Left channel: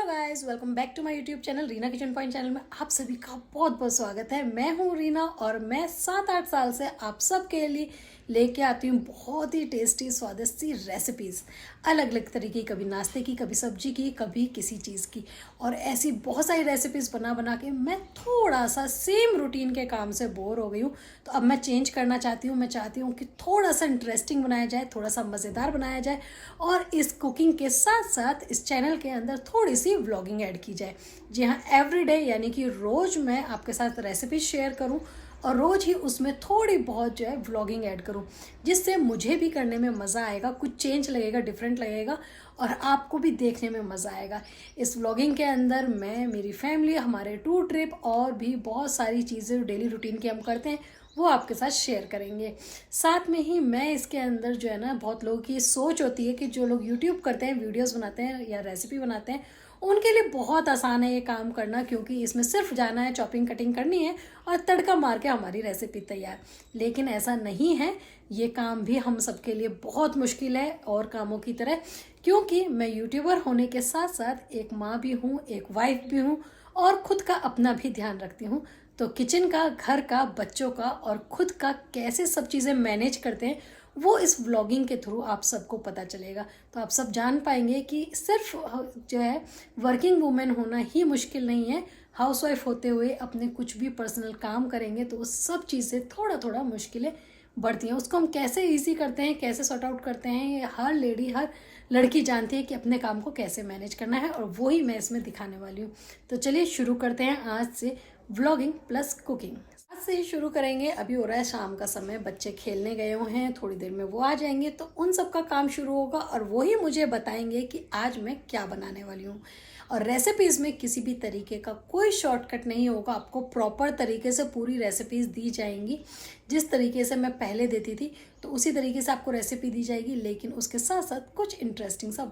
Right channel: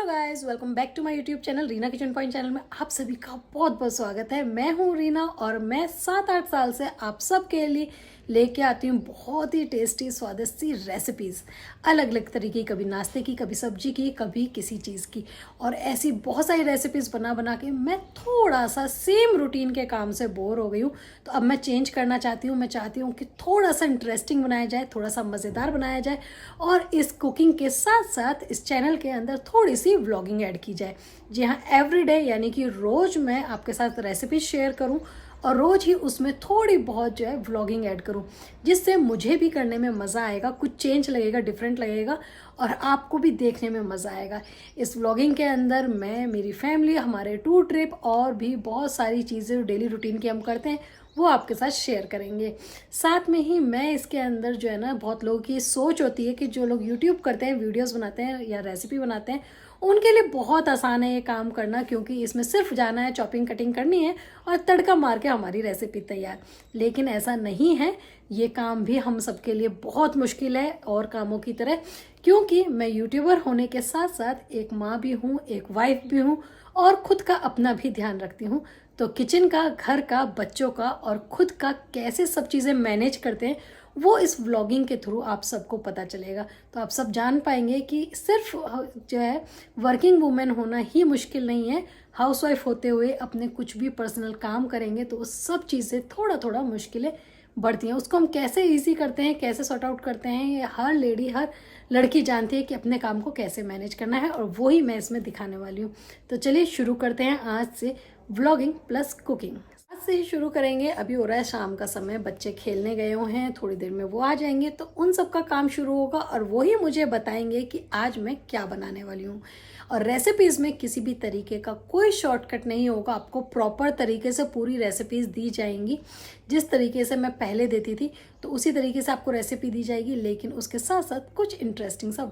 Hello guys, welcome back to my YouTube channel Reena kitchen point channel में आप सभी का बहुत बहुत स्वागत है। मैं हूं रीना और मैं 7-8 साल से आप सबके लिए लेके आती हूँ बहुत ही टेस्टी स्वादिष्ट सी रेसिपीज, अलग अलग तरीके, कभी नाश्ते की, कभी सब्जी की, कभी किसी चीज़ की। और ऐसी बहुत सारी रेसिपीज बना बना के मैं थोड़ा सा सेम रूटीन के काम से बोर हो गई हूँ। तो अब मैं चेंज करना चाहती हूँ। मैं चाहती हूँ कि थोड़ा सा इंटरेस्टिंग बनाया जाए, थोड़ा सा मज़ेदार बनाया जाए और इस कुकिंग के साथ साथ इस चैनल के अंदर थोड़ी सी व्लॉगिंग ऐड की जाए। जी हाँ, एवरीडे यानी कि रोज़ मैं आपके साथ रेसिपी शेयर करूँ और रोज़ ही उसमें थोड़ी बहुत जो है व्लॉगिंग ऐड करूँ, जिससे मुझे भी करने में मज़ा आएगा, कुछ चेंज लगेगा, डिफरेंट लगेगा और आपको भी देखने में मज़ा आएगा। इस व्लॉगिंग के अंदर मैं, मेरी फैमिली, हमारे टूर ट्रिप और भी बहुत सारी चीज़ें डेली रूटीन की हम करते हैं वो आपके साथ शेयर करेंगे। साथ में ही मैं इसके अंदर जो है ना, बहुत लोगों की सोच होती है कि जो लोग यूट्यूब करते हैं, वीडियोस बनाते हैं या रेसिपी बनाते हैं, उनके लिए बहुत आसान है ये काम करना, क्योंकि इसमें सिर्फ जाना है, चॉपिंग कटिंग करनी है और तड़का मार के हमारी रेसिपी तैयार। लेकिन ऐसा नहीं है, ये काम भी हम सबके लिए बहुत मुश्किल है और कामों की तरह, क्योंकि मैं यूट्यूबर होने के साथ साथ एक माँ भी हूँ, एक वाइफ भी हूँ और खुद का अपना भी ध्यान रखती हूँ। तो किचन का, घर का, बच्चों का और खुद का कैसे सब चीज़ें मैनेज करते हैं वो इस व्लॉगिंग के थ्रू आप सबको पता चलेगा। तो आप सब जान पाएंगे कि सिर्फ जो है वर्किंग वुमेन होना ही मुश्किल नहीं है, हाउसवाइफ होते हुए अपने कुछ भी पर्सनल काम करेंगे तो उस सब चीज़ें थोड़ा थोड़ा मुश्किलें बढ़ती हैं। उसको हम कैसे ईजी करते हैं, कैसे सॉर्ट आउट करते हैं, ये हर लेडी, हर लड़की जानती है कि अपने काम को कैसे मैनेज करना है और वो ही मैं इसमें दिखाने वाली हूँ। तो चलिए शुरू करते हैं आज से व्लॉगिंग प्लस कुकिंग। आज से ही शुरू करेंगे। अभी हो रहा है शाम का समय, बच्चे खेलने गए हुए हैं, थोड़ी देर में वो आ जाएंगे तो उन सब का काम शुरू होगा और वो ही मुझे बताएंगे कि आज मैं क्या बनाने वाली हूँ। और रेसिपीज में किसी भी तरीके का कोई शॉर्टकट नहीं होगा, आपको प्रॉपर तरीके से पूरी रेसिपीज दी जाएंगी। जिस तरीके से मैं पहले देती थी तो उसी तरीके से आपको रेसिपी दी जाएगी, लेकिन उसके साथ साथ कुछ इंटरेस्टिंग सा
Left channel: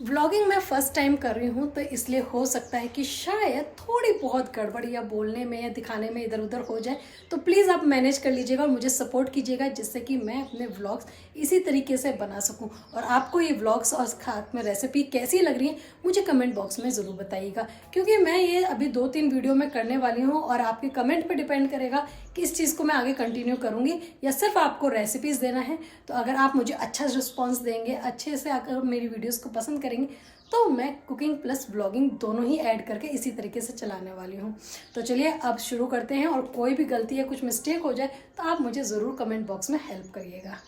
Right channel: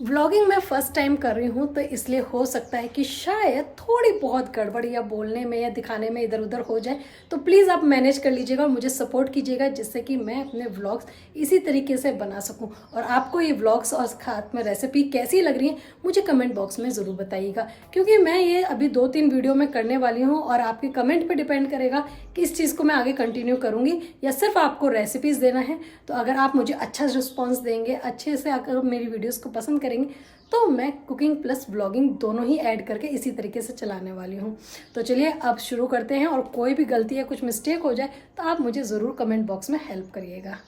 व्लॉगिंग मैं फर्स्ट टाइम कर रही हूँ तो इसलिए हो सकता है कि शायद थोड़ी बहुत गड़बड़ या बोलने में या दिखाने में इधर उधर हो जाए। तो प्लीज़ आप मैनेज कर लीजिएगा और मुझे सपोर्ट कीजिएगा, जिससे कि मैं अपने व्लॉग्स इसी तरीके से बना सकूं। और आपको ये व्लॉग्स और साथ में रेसिपी कैसी लग रही है मुझे कमेंट बॉक्स में ज़रूर बताइएगा, क्योंकि मैं ये अभी 2-3 वीडियो में करने वाली हूँ और आपके कमेंट पर डिपेंड करेगा कि इस चीज़ को मैं आगे कंटिन्यू करूँगी या सिर्फ आपको रेसिपीज़ देना है। तो अगर आप मुझे अच्छा रिस्पॉन्स देंगे, अच्छे से अगर मेरी वीडियोज़ को पसंद करेंगे, तो मैं कुकिंग प्लस व्लॉगिंग दोनों ही ऐड करके इसी तरीके से चलाने वाली हूँ। तो चलिए अब शुरू करते हैं और कोई भी गलती या कुछ मिस्टेक हो जाए तो आप मुझे ज़रूर कमेंट बॉक्स में हेल्प करिएगा।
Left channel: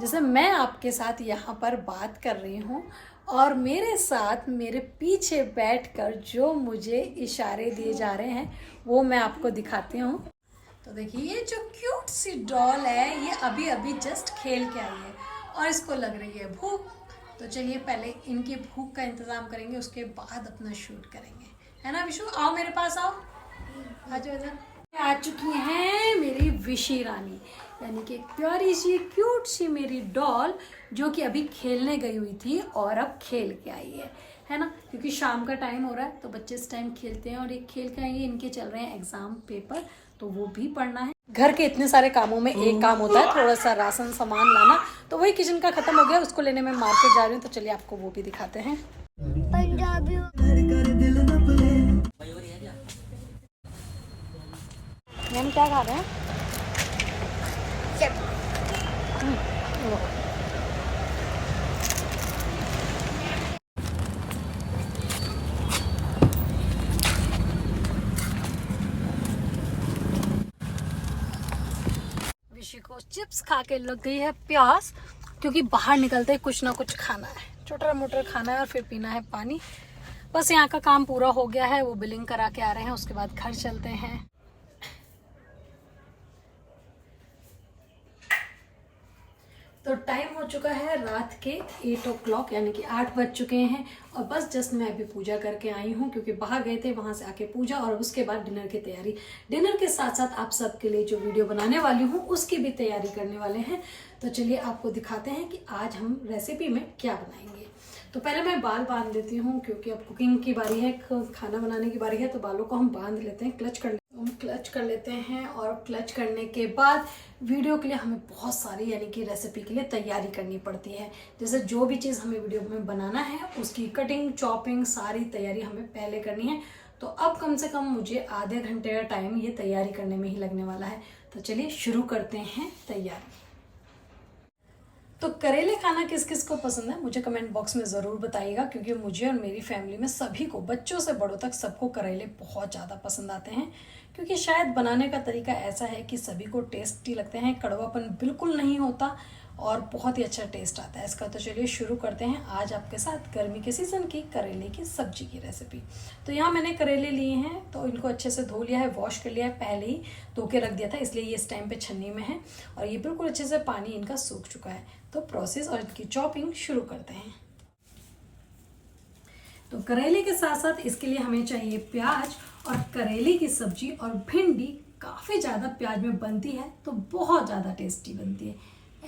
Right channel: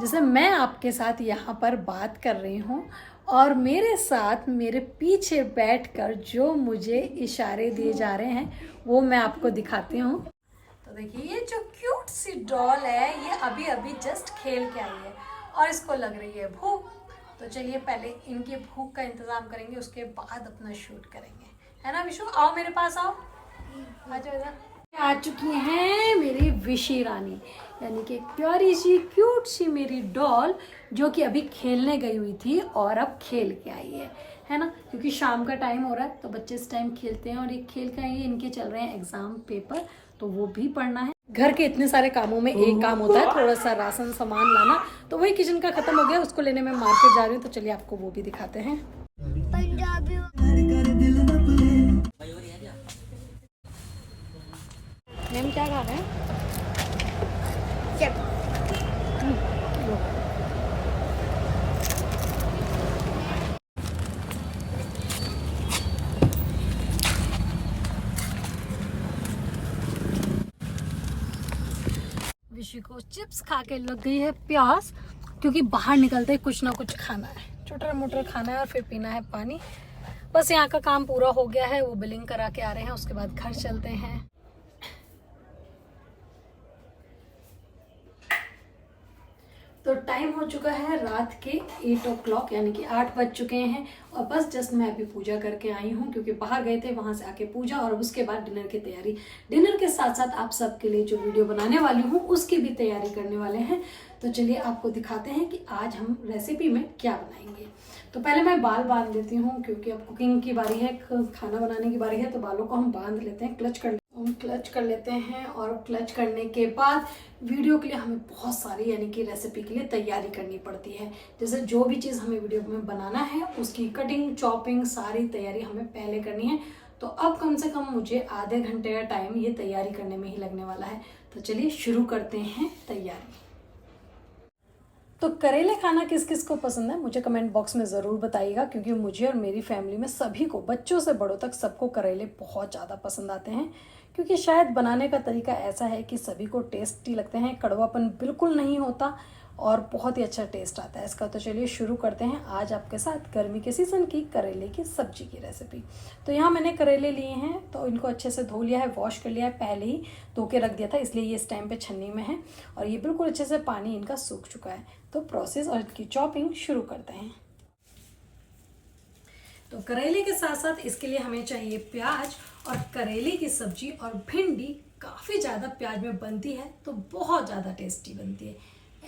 जैसे मैं आपके साथ यहाँ पर बात कर रही हूँ और मेरे साथ मेरे पीछे बैठकर जो मुझे इशारे दिए जा रहे हैं वो मैं आपको दिखाती हूँ। तो देखिए, ये जो क्यूट सी डॉल है ये अभी अभी जस्ट खेल के आई है और इसको लग रही है भूख। तो चलिए पहले इनकी भूख का इंतजाम करेंगे, उसके बाद अपना शूट करेंगे, है ना विशु? आओ मेरे पास, आओ, आ जाओ इधर। आ चुकी हैं मेरी विशी रानी, यानी कि प्यारी सी क्यूट सी मेरी डॉल, जो कि अभी खेलने गई हुई थी और अब खेल के आई है ना? क्योंकि शाम का टाइम हो रहा है तो बच्चे इस टाइम खेलते हैं और ये खेल के आएंगे। इनके चल रहे हैं एग्जाम, पेपर, तो वो भी पढ़ना है। घर के इतने सारे कामों में एक काम होता है थोड़ा सा राशन सामान लाना, तो वही किचन का खत्म हो गया, उसको लेने में मार्केट जा रही हूँ। तो चलिए आपको वो भी दिखाते हैं। हम क्या खा रहे हैं? विशी को चिप्स खा के लग गई है प्यास, क्योंकि बाहर निकलते ही कुछ ना कुछ खाना है, छोटा मोटा खाना है और फिर पीना है पानी। बस यहाँ का काम पूरा हो गया है, वो बिलिंग करा के आ रहे हैं, उसके बाद घर चलते हैं। तो टाइम हो चुका है रात के 8 o'clock, यानी कि 8 बज चुके हैं और बस जस्ट मैं अभी पूजा करके आई हूँ, क्योंकि बाहर गए थे, वहां से आके पूजा और उसके बाद डिनर की तैयारी। डिनर के साथ साथ आप सबके लिए जो वीडियो बनाने वाली हूँ उसकी भी तैयारी करने वाले हैं। तो चलिए आपको दिखाते हैं कि आज हम रेसिपी में क्या बनाएंगे। तो पहले मैं बाल बांध देती हूँ, क्योंकि अब कुकिंग की बारी है, खाना बनाने की बारी है, तो बालों को हम बांध लेते हैं, क्लच कर लेते हैं। हम क्लच कर लेते हैं और क्लच करने के बाद वीडियो के लिए हमें बहुत सारी यानी कि रेसिपी के लिए तैयारी करनी पड़ती है। जैसे जो भी चीज़ हमें वीडियो में बनाना है उसकी कटिंग चॉपिंग सारी तैयारी हमें पहले करनी है। तो अब कम से कम मुझे आधे घंटे का टाइम ये तैयारी करने में ही लगने वाला है। तो चलिए शुरू करते हैं तैयारी। तो करेले खाना किस किस को पसंद है मुझे कमेंट बॉक्स में ज़रूर बताइएगा, क्योंकि मुझे और मेरी फैमिली में सभी को, बच्चों से बड़ों तक सबको करेले बहुत ज़्यादा पसंद आते हैं। क्योंकि शायद बनाने का तरीका ऐसा है कि सभी को टेस्टी लगते हैं, कड़वापन बिल्कुल नहीं होता और बहुत ही अच्छा टेस्ट आता है इसका। तो चलिए शुरू करते हैं आज आपके साथ गर्मी के सीज़न की करेले की सब्जी की रेसिपी। तो यहाँ मैंने करेले लिए हैं, तो इनको अच्छे से धो लिया है, वॉश कर लिया है, पहले ही धो के रख दिया था, इसलिए ये इस टाइम पे छन्नी में है और ये बिल्कुल अच्छे से पानी इनका सूख चुका है। तो प्रोसेस और इनकी चॉपिंग शुरू करते हैं। तो करेले के साथ साथ इसके लिए हमें चाहिए प्याज, और करेले की सब्जी और भिंडी काफ़ी ज़्यादा प्याज में बनती है तो बहुत ज़्यादा टेस्टी बनती है,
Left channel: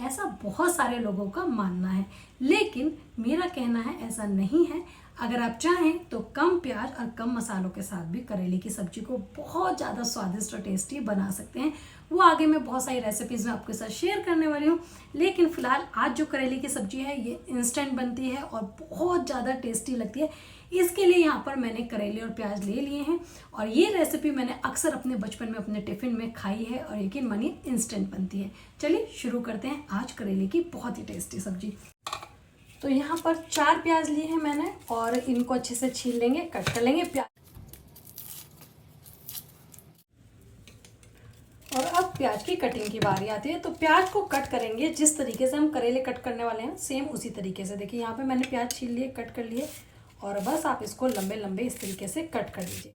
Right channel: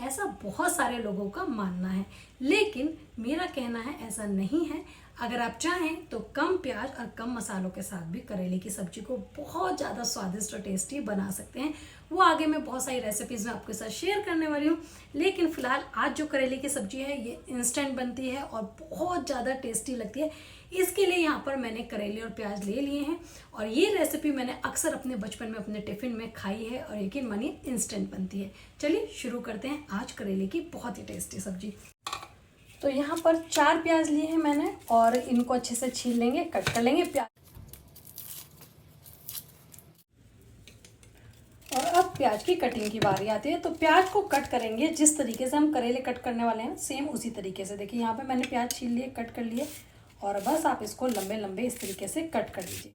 ऐसा बहुत सारे लोगों का मानना है। लेकिन मेरा कहना है ऐसा नहीं है। अगर आप चाहें तो कम प्याज और कम मसालों के साथ भी करेले की सब्जी को बहुत ज़्यादा स्वादिष्ट और टेस्टी बना सकते हैं। वो आगे मैं बहुत सारी रेसिपीज़ में आपके साथ शेयर करने वाली हूँ। लेकिन फिलहाल आज जो करेले की सब्जी है ये इंस्टेंट बनती है और बहुत ज़्यादा टेस्टी लगती है। इसके लिए यहाँ पर मैंने करेले और प्याज ले लिए हैं और ये रेसिपी मैंने अक्सर अपने बचपन में अपने टिफ़िन में खाई है और यकीन मानिए इंस्टेंट बनती है। चलिए शुरू करते हैं आज करेले की बहुत ही टेस्टी सब्जी। तो यहाँ पर 4 प्याज लिए हैं मैंने और इनको अच्छे से छील लेंगे, कट कर लेंगे प्याज। और अब प्याज की कटिंग की बारी आती है। तो प्याज को कट करेंगे जिस तरीके से हम करेले कट करने वाले हैं, सेम उसी तरीके से। देखिए यहाँ पे मैंने प्याज छील लिए, कट कर लिए और बस आप इसको लंबे लंबे इस तरीके से कट कर लीजिए।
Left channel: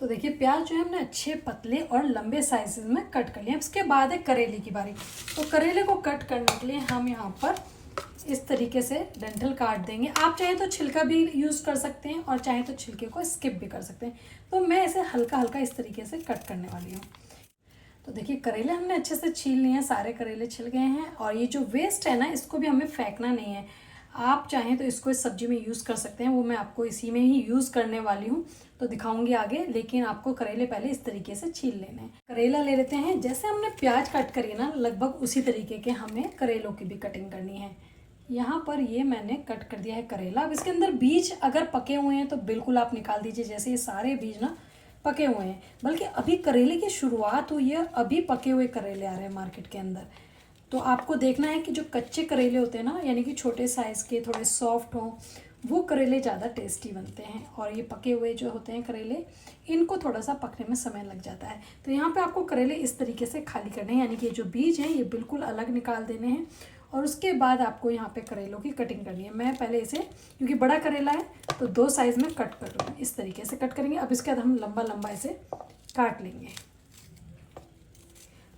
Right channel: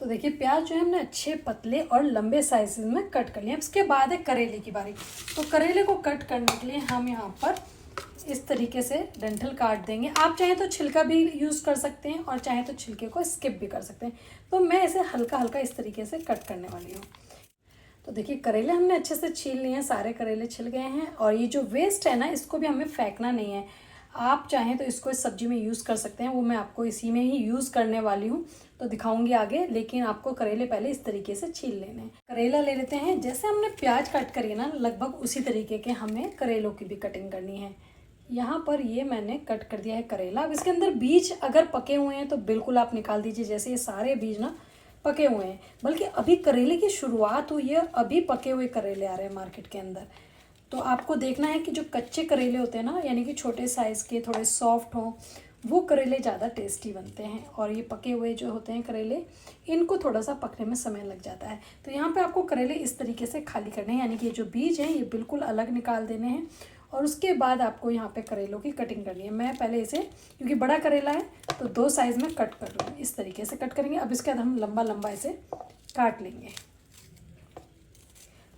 तो देखिए प्याज जो है हमने अच्छे पतले और लंबे साइजेस में कट कर लिए। उसके बाद है करेले की बारी। तो करेले को कट करने के लिए हम यहाँ पर इस तरीके से डंठल काट देंगे। आप चाहें तो छिलका भी यूज़ कर सकते हैं और चाहें तो छिलके को स्किप भी कर सकते हैं। तो मैं इसे हल्का हल्का इस तरीके से कट करने वाली हूँ। तो देखिए करेले हमने अच्छे से छील लिए हैं, सारे करेले छिल गए हैं और ये जो वेस्ट है ना इसको भी हमें फेंकना नहीं है। आप चाहें तो इसको इस सब्जी में यूज़ कर सकते हैं, वो मैं आपको इसी में ही यूज़ करने वाली हूँ तो दिखाऊंगी आगे। लेकिन आपको करेले पहले इस तरीके से छील लेने हैं। करेला ले लेते हैं, जैसे हमने प्याज कट करी ना लगभग उसी तरीके के हमें करेलों की भी कटिंग करनी है। यहाँ पर ये मैंने कट कर दिया है करेला। अब इसके अंदर बीज अगर पके हुए हैं तो बिल्कुल आप निकाल दीजिए। जैसे ये सारे बीज ना पके हुए हैं, बल्कि अभी करेले की शुरुआत हुई है, अभी पके हुए करेले आ रहे हैं मार्केट के अंदर। तो आपको देखना है कि जो कच्चे करेले होते हैं ना, यानी कि छोटे साइज़ के थोड़े सॉफ्ट हों, वो करेले ज़्यादा टेस्टी बनते हैं। और ये पके हुए जो होते हैं करेले, इनको थोड़ा सा पकने में समय लग जाता है। तो यहाँ पे आपको करेले इस तरीके से खाली करने हैं, यानी कि जो बीज हैं ये बिल्कुल अलग निकाल देने हैं। और उसके बाद आपको यहाँ पे करेलों की कटिंग करनी है। मैं पहले इसे, क्योंकि बड़ा करेला है तो 2 साइज़ में कट कर लूँगी, इस तरीके से कट करेंगे। अब इसके बाद हम लंबा लंबा इसे काट लेंगे।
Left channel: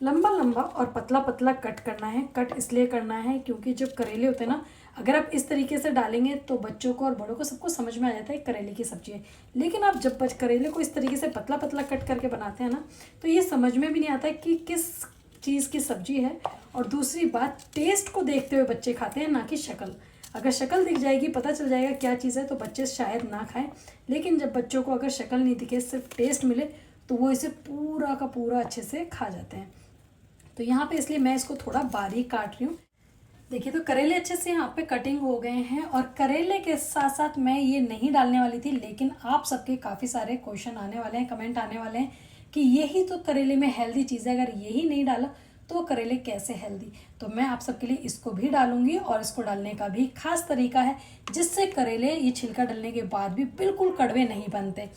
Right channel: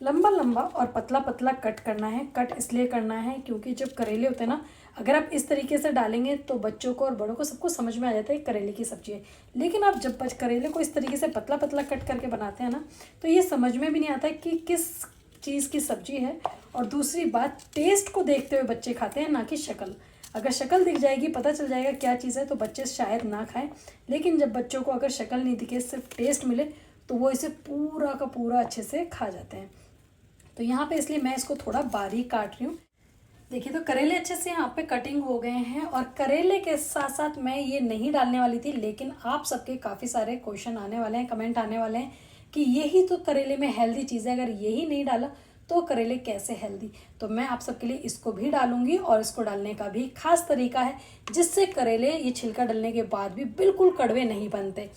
लंबा लंबा और पतला पतला कट करना है। कट इसलिए करना है क्योंकि जब करेले होते हैं ना, अगर आप इस तरीके से डालेंगे तो बच्चों को और बड़ों को सबको समझ में आ जाता है करेले की सब्जी है। लेकिन आप जब करेले को इस तरीके से पतला पतला कट करके बनाते हैं ना, तो ये समझ में भी नहीं आता है कि किस चीज़ की सब्जी है। और दूसरी बात, टेस्ट को देखते हुए बच्चे खाते हैं, ना कि शक्ल। अगर शक्ल दिख जाएगी, पता चल जाएगा क्या चीज़ है, तो बच्चे शायद ना खाएं। लेकिन जब बच्चों को अगर शक्ल नहीं दिखे, सिर्फ टेस्ट मिले, तो वो इसे पूरा का पूरा अच्छे से खा जाते हैं। तो यहाँ पे इसलिए मैं इसको थोड़ा बारीक काट रही हूँ। देखिए तो करेले अच्छे से यहाँ पे कटिंग हो गए हैं। और करेले के साथ साथ मैं ये नहीं डालने वाली थी, लेकिन आप सबके काफ़ी सारे क्वेश्चन आने वाले हैं, कमेंट आने वाले हैं कि यही तो करेले में हेल्दी चीज़ है, अगर यही नहीं डाला तो करेले कैसे हेल्दी। तो मैं आप सबके लिए इसको भी डालूंगी और इसको डालने का भी खास तरीका है, जिससे करेले ये छिलका डलने के बाद भी बिल्कुल कड़वे नहीं बनते।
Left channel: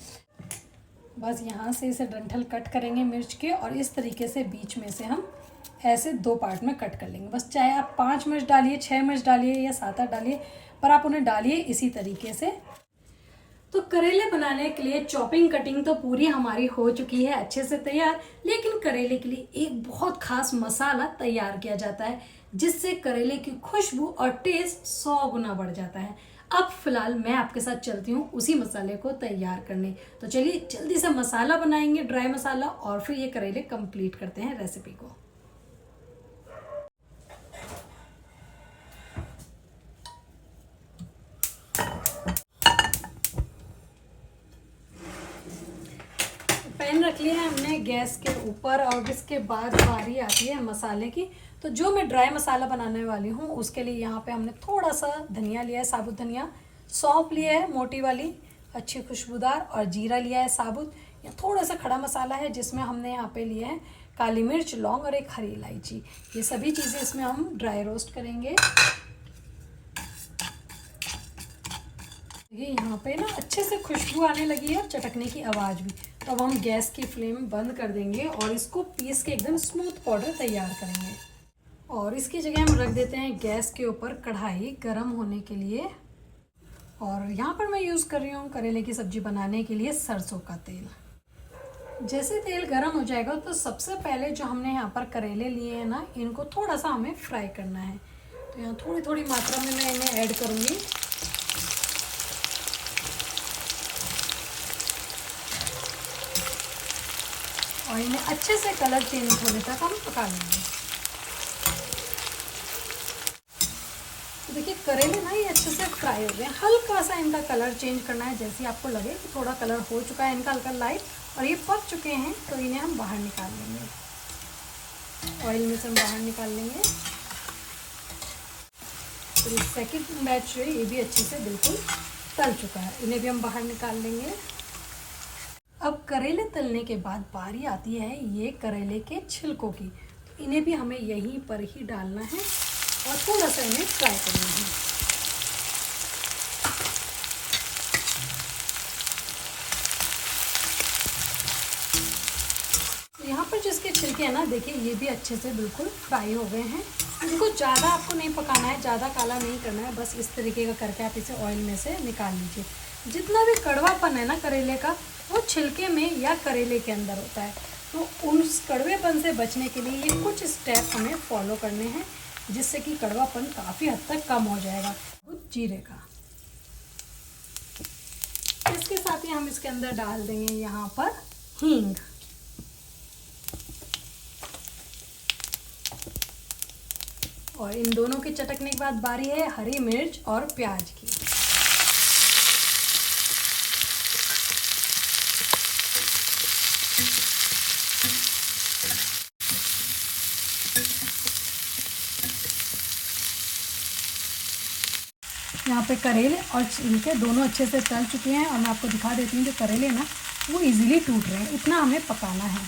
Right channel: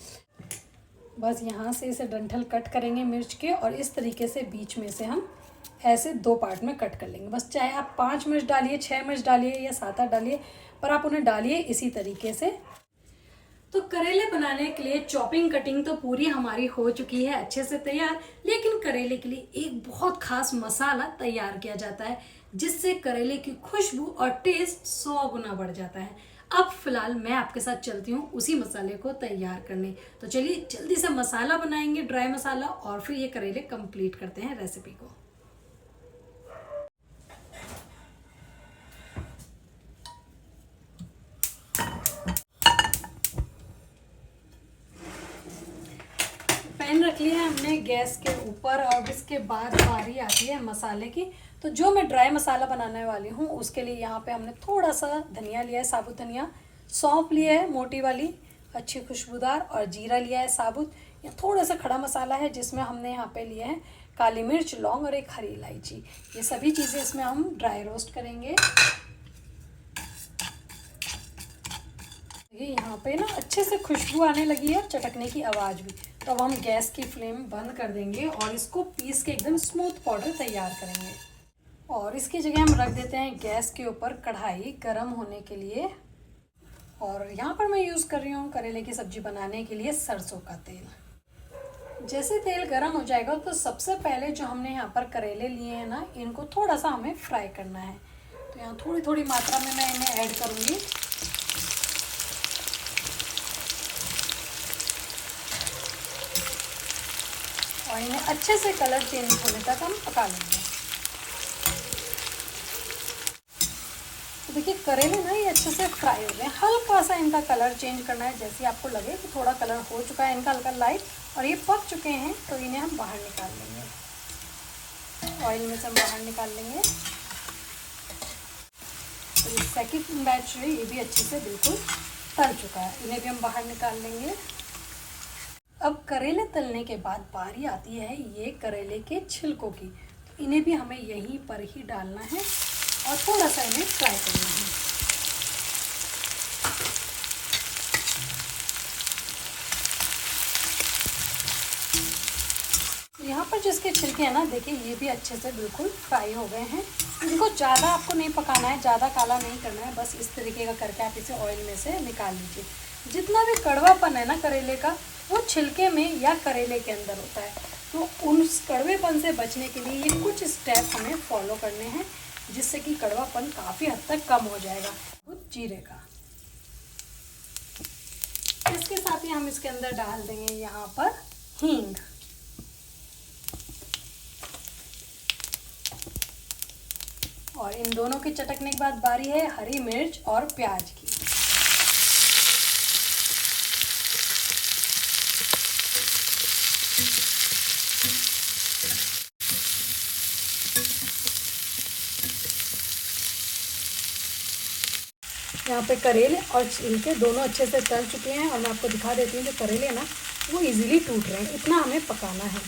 बस यहाँ से इसे डंठल कट करेंगे मिर्च के, और इस तरीके से बीच में से हम ऐसे 2 पार्ट में कट कर लेंगे। बस चाहे आप 5 मिर्च डालिए, 6 मिर्च डालिए या 7-8 डालिए, पर आप उन्हें डालिए इसी तरीके से। तो करेले बनाने के लिए चॉपिंग कटिंग तो पूरी हमारी हो चुकी है अच्छे से तैयार। लेकिन करेले के लिए एक बहुत खास मसाला तैयार किया जाता है, जिससे करेले की खुशबू और टेस्ट 100 गुना बढ़ जाता है। अब फिलहाल मैं आपके साथ चलती हूँ उसी मसाले को तैयार करने। तो चलिए जल्दी से मसाला बनाएंगे, ड्राई मसाला, और फिर ये करेले कंप्लीट करते हैं रेसिपी को। पैन रख रख लिए हैं हमने गैस के ऊपर। और इसके बाद बारी आती है मसाले की। तो जो मैं ड्राई मसाला बनाने वाली हूँ उसके लिए यहाँ पे हमने थोड़ा सा धनिया लिया है, साबुत धनिया, सौंफ लिया है मोटी वाली अच्छी खुशबूदार, और जीरा लिया है साबुत। या थोड़ा सा खड़ा मसाला है जिसमें हमने यहाँ पे लिया है काली मिर्च, लौंग और एक हरी इलायची। ये सभी चीज़ें इसमें हम ड्राई रोस्ट करेंगे। ये यहाँ पे ना अच्छे से खुशबू आने लगी है, चटकने की आवाज़ भी। तो अब हम गैस की फ्लेम बंद कर देंगे और इसको पीस के एकदम स्मूथ पाउडर तैयार करेंगे। और इसकी जगह हम रख देते हैं गैस के ऊपर कढ़ाई गर्म होने के लिए। और यहाँ पर मैं यूज़ कर रही हूँ करेले की सब्जी बनाने के लिए सरसों का तेल। जैसे तेल गर्म हो जाएगा तो सबसे पहले जो हमने यहाँ पर करेले लिए हैं ना, इनको थोड़ा सा हमें फ्राई करना है। तो यहाँ थोड़ी थोड़ी मात्रा में मैं इन्हें ऐड करूँगी। और इन्हें अच्छे से कलर चेंज होने तक हम पका लेंगे। तो देखिए करेले ना ये अच्छे से फ्राई हो गए। हल्का सा इनका कलर चेंज करना है, जैसे आपको लगे कि थोड़ा कलर हो चुका है इनका हल्का लाइट और ये पक चुके हैं, तो इन्हें हम बाहर निकाल लेंगे। ऑयल में से हम बाहर निकाल लेंगे। तो सेकंड बैच है, ये भी अच्छे से बिल्कुल तल चुका है, इन्हें भी हम बाहर निकाल लेंगे। अब करेले तलने के बाद बारी आती है ये करेले के छिलकों की। तो इन्हें भी हमें यहीं पर ही डालना है और थोड़ा सा इन्हें फ्राई करना है। यहाँ पर जिसके छिलके हैं ना, देखिए ये भी अच्छे से बिल्कुल फ्राई हो गए हैं। इनको ज़्यादा आपको नहीं पकाना है, ज़्यादा काला नहीं करना है, बस इस तरीके का करके आप इसे ऑयल में से निकाल लीजिए। जितना भी कड़वापन है ना करेले का, वो छिलके में या करेले के अंदर होता है। तो उस कड़वेपन से बचने के लिए ये कुछ स्टेप हमें फॉलो करने हैं, जिससे कि कड़वापन काफ़ी हद तक कम हो जाएगा। जीरे का इसके साथ ही हम इसके अंदर डाल देंगे यहाँ पर हींग। और इन दोनों के चटकने के बाद बारी है हरी मिर्च और प्याज की। यहाँ पे करेले और छिलके दोनों अच्छे से तल चुके हैं और मैं आपको दिखा देती हूँ जो करेले ना वो इजीली टूट रहे हैं, इतना हमें पकाना है।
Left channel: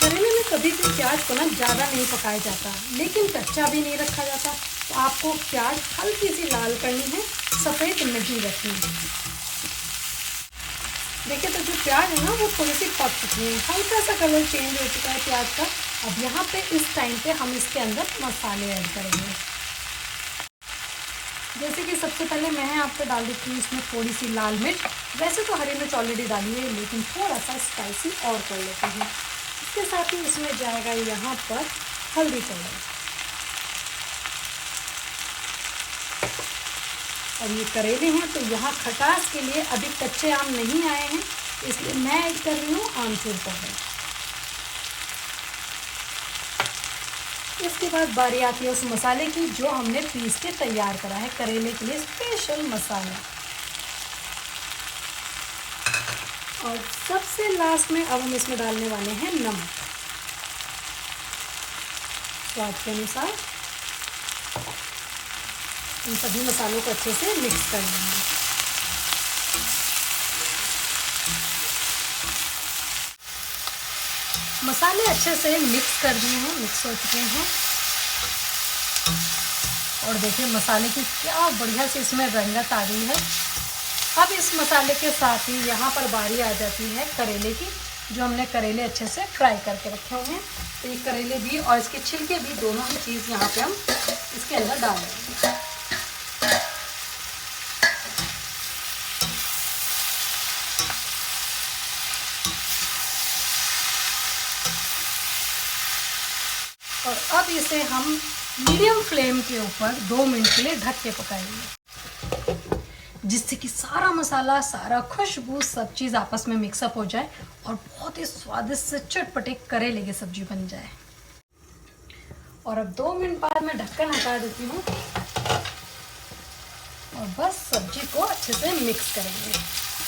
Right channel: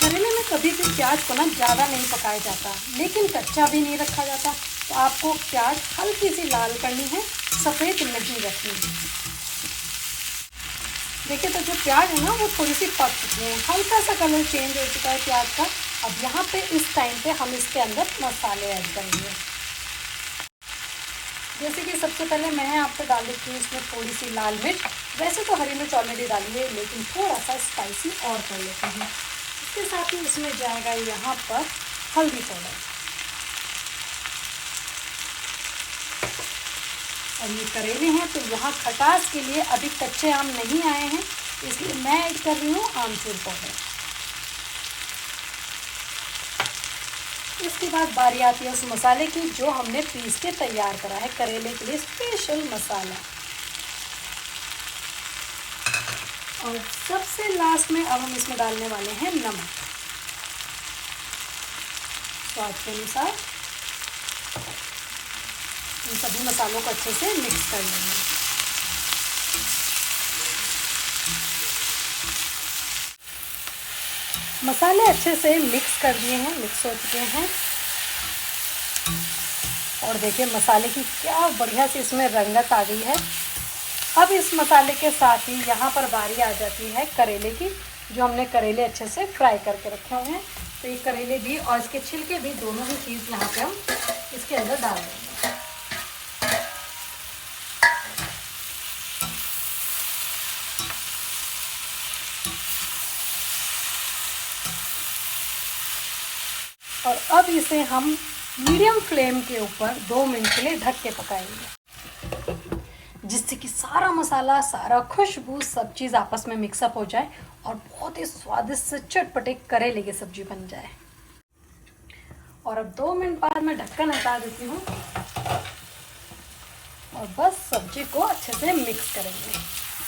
करेले में कभी भी प्याज को ना ज़्यादा नहीं पकाया जाता, लेकिन कच्चा भी नहीं रखा जाता। तो आपको प्याज हल्की सी लाल करनी है, सफ़ेद नहीं रखनी है। देखिए तो जो प्याज है ना वो थोड़ी सी पक चुकी है, हल्का सा कलर चेंज हो चुका है प्याज का। अब यहाँ पे इस टाइम पे हम इसके अंदर मसाले ऐड करेंगे। जैसे कि सबसे पहले मैंने आपको डाल देती हूँ इसमें थोड़ी सी लाल मिर्च। वैसे तो हरी मिर्च ऑलरेडी डाली है, लेकिन थोड़ा सा स्पाइसी और कर लेते हैं। इसके साथ ही इसमें जाएगा यहाँ पर हल्दी पाउडर। और ये करेले हैं तो यहाँ खटास के लिए अभी कच्चे आम नहीं आए हैं, इसलिए मैं ऐड कर रही हूँ आमचूर पाउडर। इसके बाद बारी आती है उस मसाले की जो हमने पीस के तैयार करा है करेले के लिए स्पेशल मसाला। और सबसे लास्ट में अब हम इसमें डालने वाले हैं नमक स्वाद के अनुसार। इन सभी मसालों को अच्छे से मिक्स कर लेंगे। मसाले अच्छे से मिक्स कर दिए हैं, मिक्स हो चुके हैं। और देखिए मसाले की क्या बढ़िया से इसमें रंगत आ गई है। अब इस मसाले के साथ ही यहाँ पर बारी आ जाती है करेले की, जो हमने करेले अच्छे से फ्राई करके रखे हुए हैं। तो ये करेले भी और इसके छिलके भी दोनों ही चीज़ यहाँ पे हम इसके अंदर डाल देंगे। और अब इसे हम मीडियम फ्लेम के ऊपर 2 मिनट के लिए ढक के पकाएंगे, जिससे कि सारा मसाला, सारा खुशबू, सब चीज़ आपस में मिक्सअप हो जाए और बहुत ही स्वादिष्ट से चटपटे करेले की सब्जी बन जाए। और अब 2 मिनट बाद मैं ढक्कन हटा देती हूँ और बस सब्जी को अच्छे से मिक्स करेंगे।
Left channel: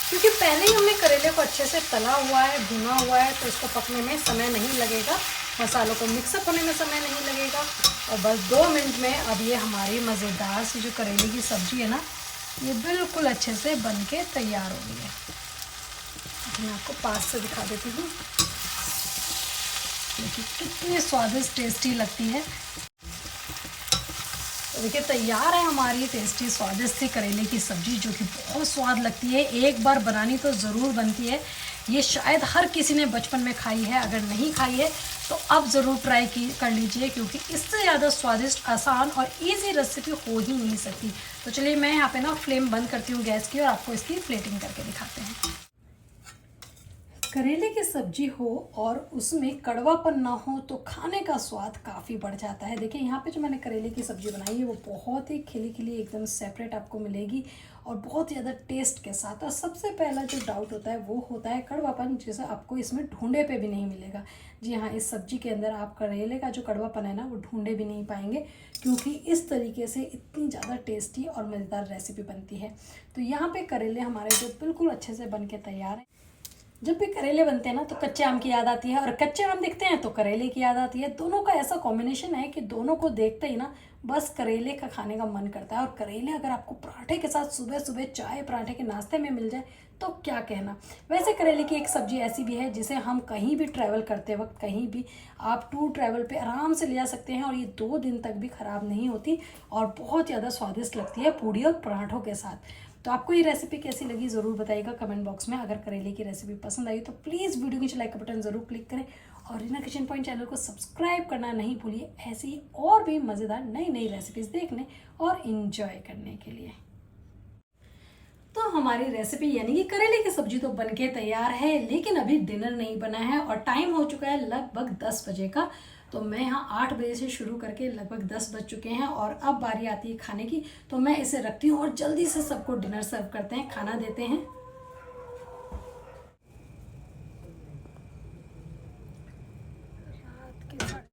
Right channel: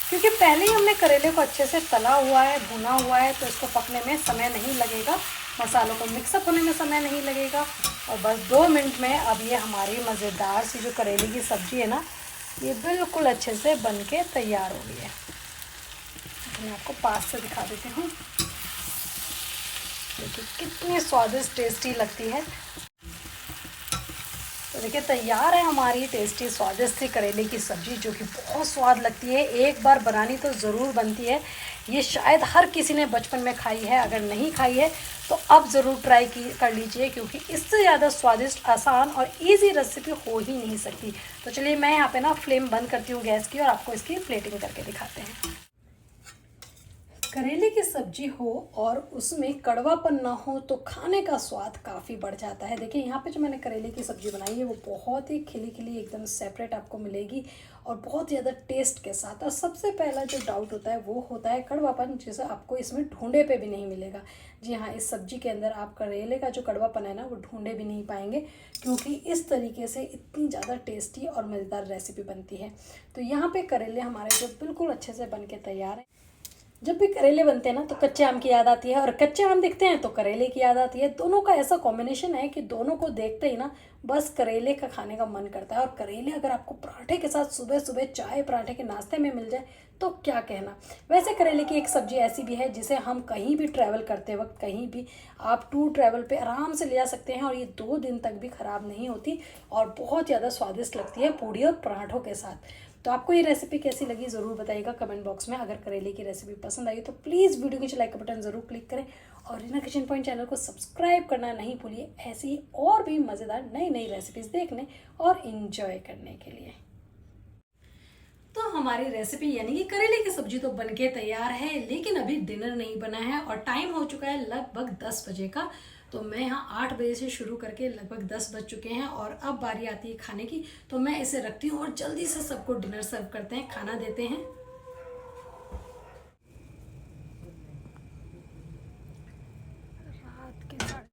क्योंकि पहले ही हमने करेले को अच्छे से तला हुआ है, भुना हुआ है, तो इसको पकने में समय नहीं लगेगा, मसालों को मिक्सअप होने में समय नहीं लगेगा। और बस 2 मिनट में अब ये हमारी मज़ेदार सी जो करेले की सब्ज़ी है ना, ये बिल्कुल अच्छे से बन के तैयार हो गई है। मैं आपको पास से दिखा देती हूँ, देखिए कितनी स्वादिष्ट टेस्टी लगती है। तो देखिए तैयार है हमारी टेस्टी स्वादिष्ट सी करेले की सब्ज़ी, जो कि बहुत स्वाद लगती है। एक बार बनानी तो ज़रूर बनती है। ये शायद हर किसी ने बचपन में खाई है, अगर नहीं खाई है तो अब ज़रूर ट्राई कर लीजिए, क्योंकि इससे ज़्यादा स्वादिष्ट, आसान और इजी रेसिपी हो ही नहीं सकती। तो चलिए मैं यहाँ पे ना फ्लेम बंद करती हूँ गैस की, और आपको इसकी प्लेटिंग करके दिखाते हैं। करेले की सब्जी हो और उसमें कड़वापन ना हो तो खाने का स्वाद काफ़ी बढ़ जाता है। देखिए यहाँ पे जो मैंने करेले की सब्जी बनाई है वो बहुत ही खिली खिली एकदम सेपरेट आपको मिलेगी, और बहुत ज़्यादा टेस्ट के साथ। और सबसे पहला जो डाउट होता है वो होता है कड़वापन, जैसे आपको इसमें ढूंढे पे भी नहीं मिलेगा। जी हाँ, इस सब्जी के अंदर आप करेले का जो कड़वापन है ना वो ढूंढे भी नहीं पाएंगे, क्योंकि इस तरीके से इतनी ज़्यादा टेस्टी और मज़ेदार रेसिपी बनती है। तो यहाँ पे करेले हमारे जो बिल्कुल अच्छे से बन के तैयार है। जब भी करेले बनते हैं ना तो कच्चे आम की याद आती है, और कच्चे आम दिखते हैं तो करेले की याद आती है। दोनों का ऐसा कॉम्बिनेशन है कि दोनों को देखते ही ना बस करेले का खाने का मन करता है। और करेले अगर आपको पराठे के साथ सुबह सुबह चाय पराठे के नाश्ते में मिल जाए तो क्या कहना। वैसे करेले की एक सब्जी ऐसी भी है जिसे हम कहीं भी ट्रैवल करते वक्त, कहीं भी आप टूर ट्रैवल पे आराम से ले जा सकते हैं, और ये 2 दिन तक भी खराब नहीं होती, और बहुत ज़्यादा स्वादिष्ट लगती है पूड़ी और पराठों के साथ। तो आपको ये रेसिपी कैसी लगी ज़रूर बताइएगा कमेंट बॉक्स में। अगर करेले की रेसिपी पसंद आई तो प्लीज़ वीडियो के नीचे लाइक का बटन ज़रूर क्लिक करें, और रीना किचन पॉइंट चैनल को सब्सक्राइब करना नहीं भूलिए, ऐसी और भी मज़ेदार नई नई रेसिपीज़ देखने और इन्जॉय करने के लिए। तो हमारी रेसिपी यानी कि करेले की सब्जी तो बनके तैयार है, लेकिन अभी डिनर नहीं बना है, और टाइम हो चुका है लगभग 10 बजे का। तो मैं यहाँ 8 बजे से शुरू करके लगभग 10 बज चुके हैं, और अब बारी आती है खाने की। तो मैं इसे रखती हूँ और जल्दी से सबको डिनर सर्व करते हैं, खाना देते हैं।